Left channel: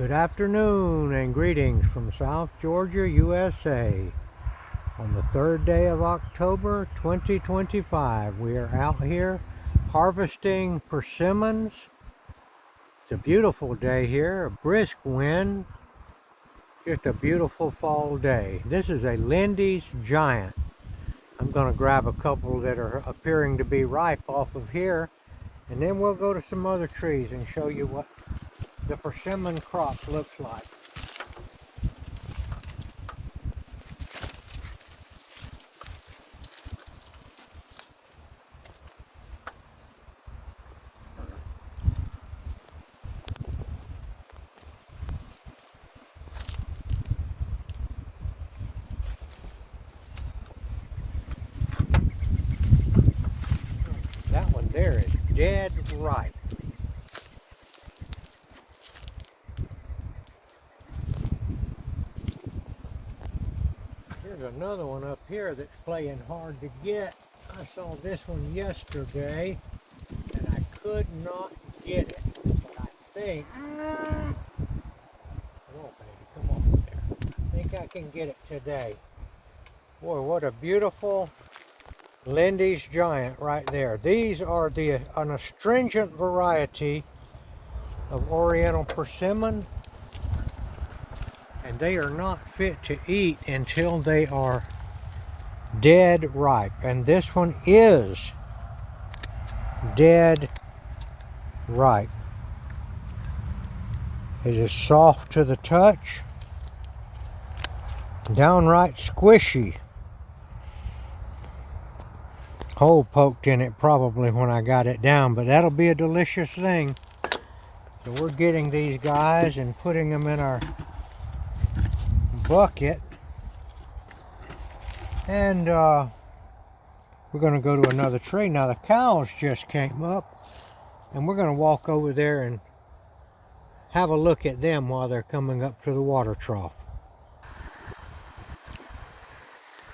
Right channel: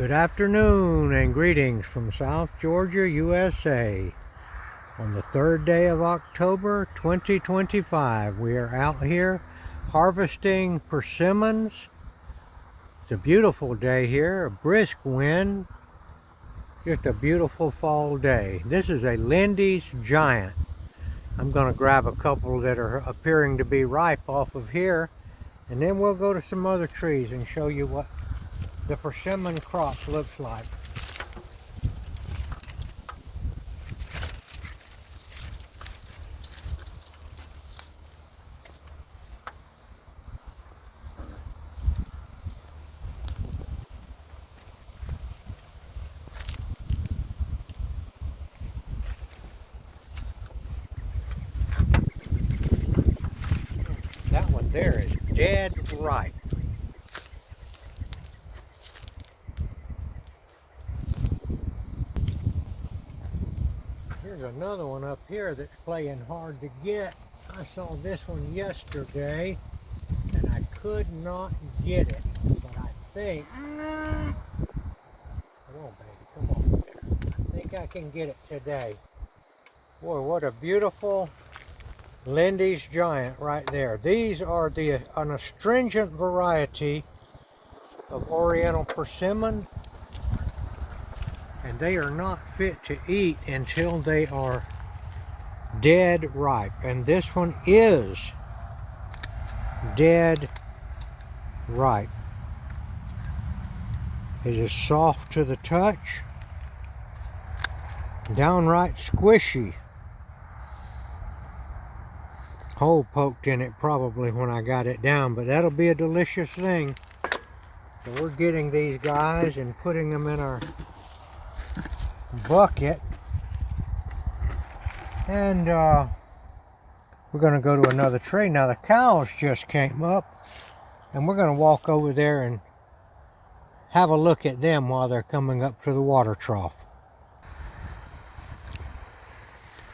Good afternoon and greetings from South Georgia, USA. On the 3rd day of October 2025, we are out here harvesting persimmons. It's a beautiful day here, a brisk wind, just a beautiful fall day. This is a Lindy's Giant. I'm going to grab a couple that are appearing to be ripe off of here, and then we'll go to some other trees and show you what the persimmon crop looks like. That one there is dead ripe. There's another one up here that's playing hard to get. I saw this one yesterday and I could not get it, but I think, come on baby, come on there. I think I can get it today. Boy, what a beautiful Lindy's Giant right there. These are an astringent variety of Oriental persimmon, and they are not fit to eat until they are dead ripe. And this one is dead ripe. It is soft to the touch, downright squishy. Hole poked in it probably when I got it down, but that'll be a delicious thing. So we're getting these guys and putting them in our bucket, and we're going to go to another tree. Now the cows just came up, and we're going to walk over there and have a look at them while they're coming up to the water trough.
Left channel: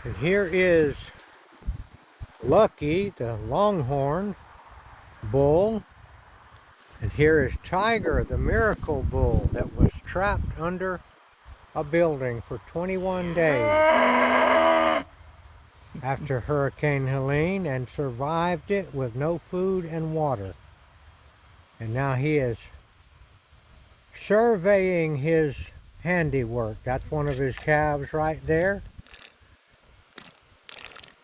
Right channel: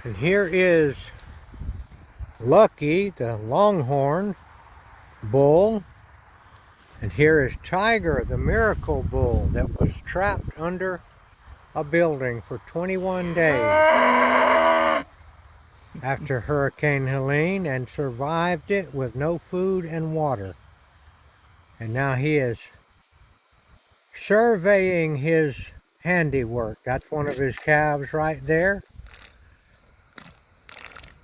And here is Lucky, the longhorn bull, and here is Tiger, the miracle bull that was trapped under a building for 21 days after Hurricane Helene and survived it with no food and water. And now he is surveying his handiwork. That's one of his calves right there.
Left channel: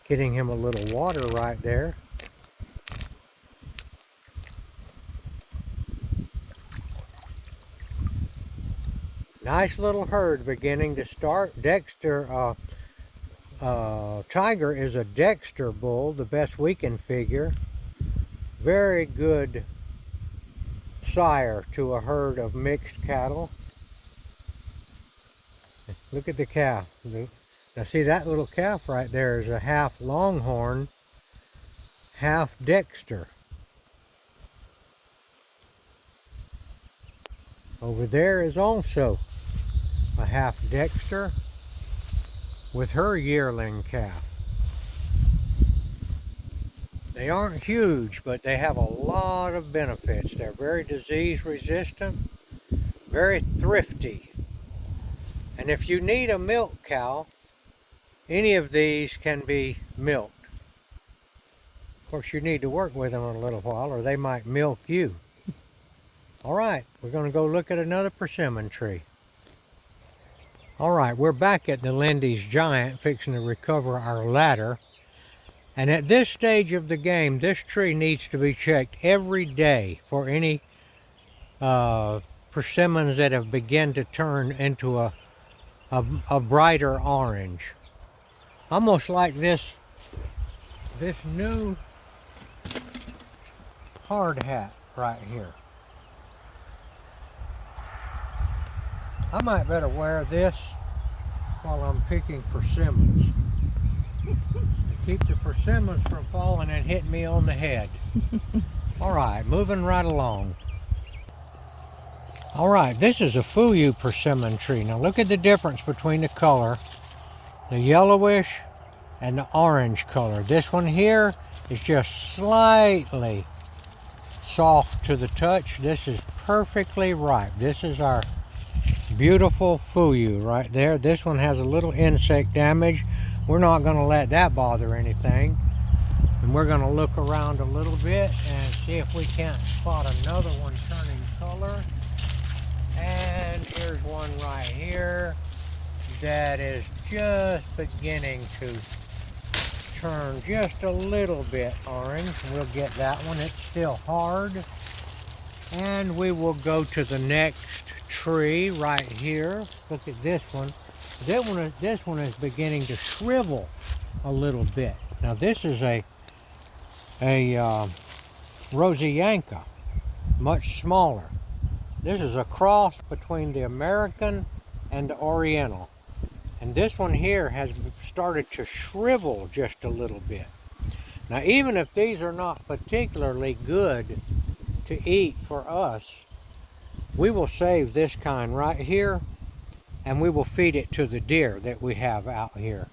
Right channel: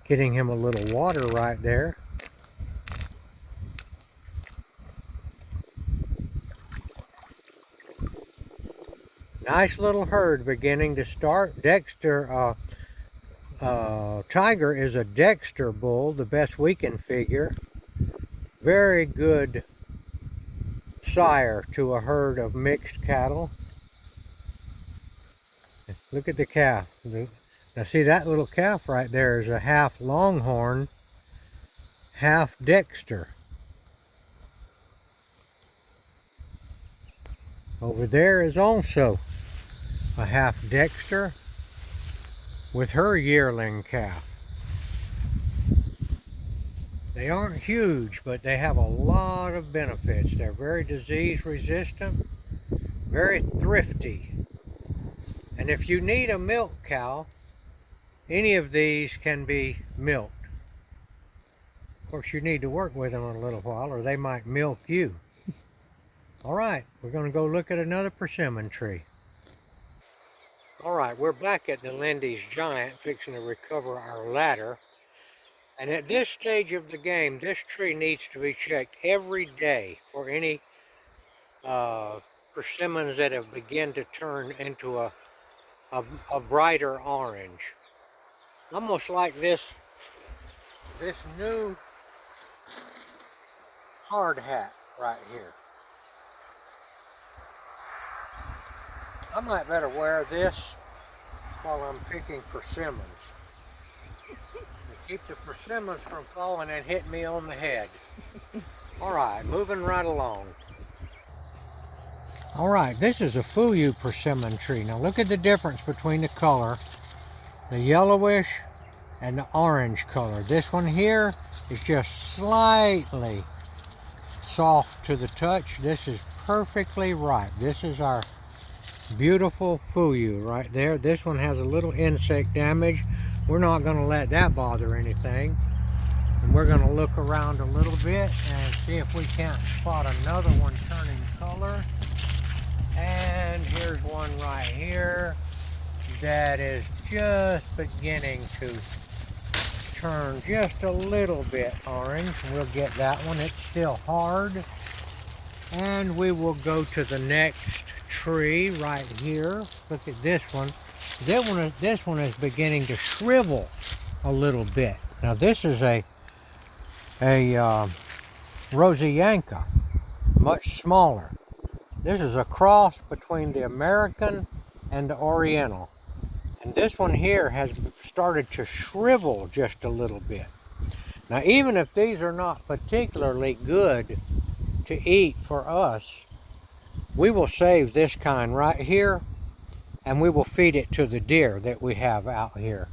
Getting him a little water right there. Nice little herd beginning to start. Dexter, Tiger is a Dexter bull, the best we can figure. Very good sire to a herd of mixed cattle. Look at the calf. Now see, that little calf right there is a half longhorn, half Dexter. Over there is also a half Dexter with her yearling calf. They aren't huge, but they have a lot of benefits. They're very disease resistant, very thrifty. And if you need a milk cow, any of these can be milked. Of course, you need to work with them a little while or they might milk you. All right, we're going to go look at another persimmon tree. All right, we're back at the Lindy's Giant, fixing to recover our ladder. And at this stage of the game, this tree needs to be checked every day for any persimmons that have begun to turn into a brighter orange. Almost like this new hard hat right here. I might better wear this while I'm picking persimmons to keep the persimmons from falling and hitting me on the head. All right, moving right along. All right, this is a Fuyu persimmon tree. Now look at the difference between the color. The yellowish and the orange color. This one here is just slightly soft to the touch. This is perfectly ripe. This is our Beautiful fuyu right there. This one has a little insect damage. We're not going to let that bother anything. And we're going to look around a little bit and see if we can't spot another one turning color. And here's one right here that is just beginning to turn just a little bit orange. We'll get that one. It's still hard. And we will go to the next tree right here. Look at this one. This one is beginning to shrivel a little bit. Now this is a Rosianka, much smaller. This is a cross between the American and the Oriental. And this one here has started to shrivel just a little bit. Now even if these are not particularly good to eat for us, we will save this kind right here and we will feed it to the deer that we have out here.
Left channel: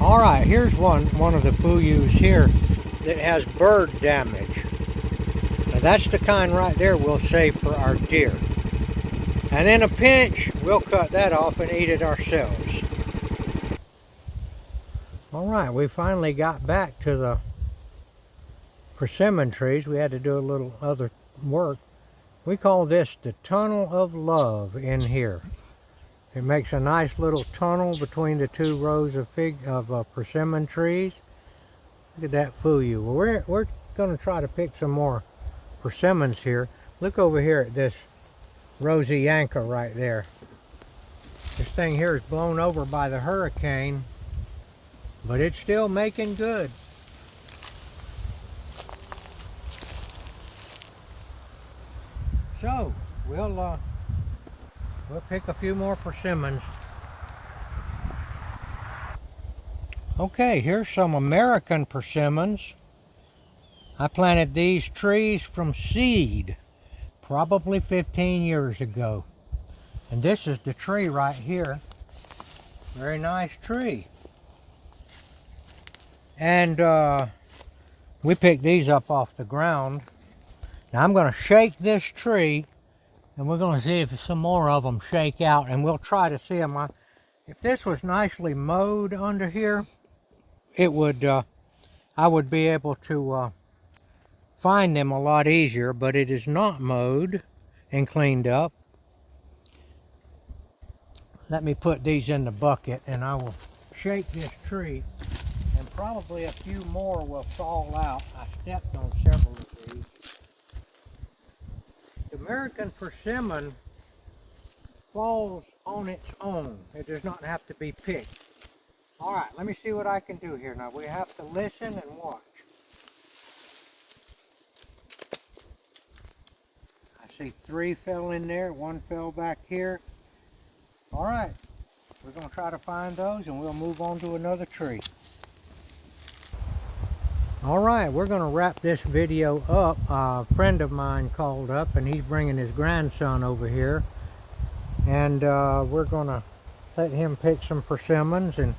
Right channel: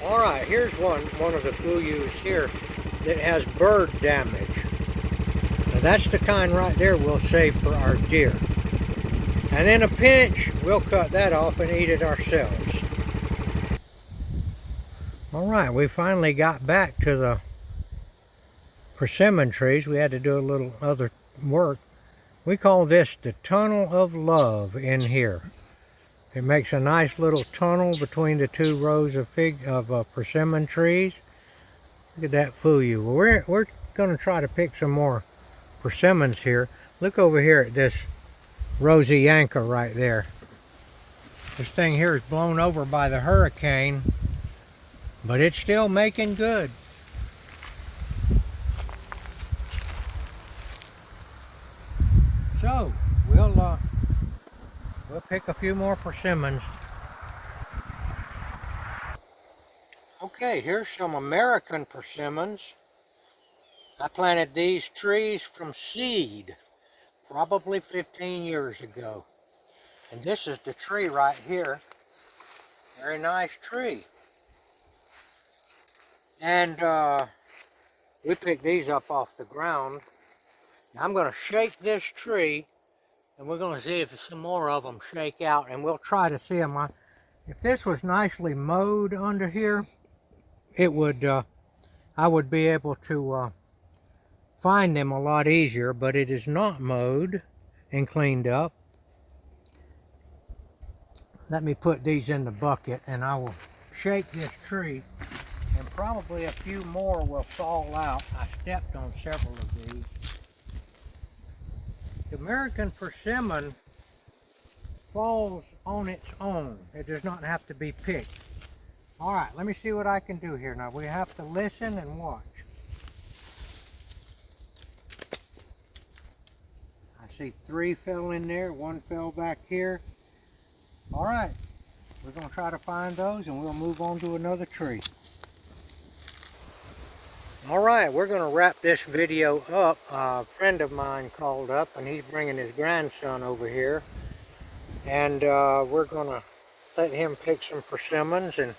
Alright, here's one of the fuyus here that has bird damage. Now that's the kind right there we'll save for our deer. And in a pinch, we'll cut that off and eat it ourselves. Alright, we finally got back to the persimmon trees. We had to do a little other work. We call this the tunnel of love in here. It makes a nice little tunnel between the two rows of persimmon trees. Look at that fuyu. Well, we're going to try to pick some more persimmons here. Look over here at this Rosianka right there. This thing here is blown over by the hurricane, but it's still making good. So we'll pick a few more persimmons. Okay, here's some American persimmons. I planted these trees from seed probably 15 years ago. And this is the tree right here. Very nice tree. And we picked these up off the ground. Now I'm going to shake this tree and we're going to see if some more of them shake out, and we'll try to see them. If this was nicely mowed under here, it would I would be able to find them a lot easier, but it is not mowed and cleaned up. Let me put these in the bucket and I will shake this tree, and probably a few more will fall out. I stepped on several of these. The American persimmon falls on its own. It does not have to be picked. Alright, let me see what I can do here. Now we have to listen and watch. I see 3 fell in there, 1 fell back here. Alright, we're going to try to find those and we'll move on to another tree. Alright, we're going to wrap this video up. A friend of mine called up and he's bringing his grandson over here. And we're going to let him pick some persimmons, and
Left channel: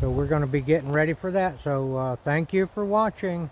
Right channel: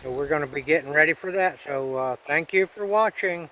so we're going to be getting ready for that. So thank you for watching.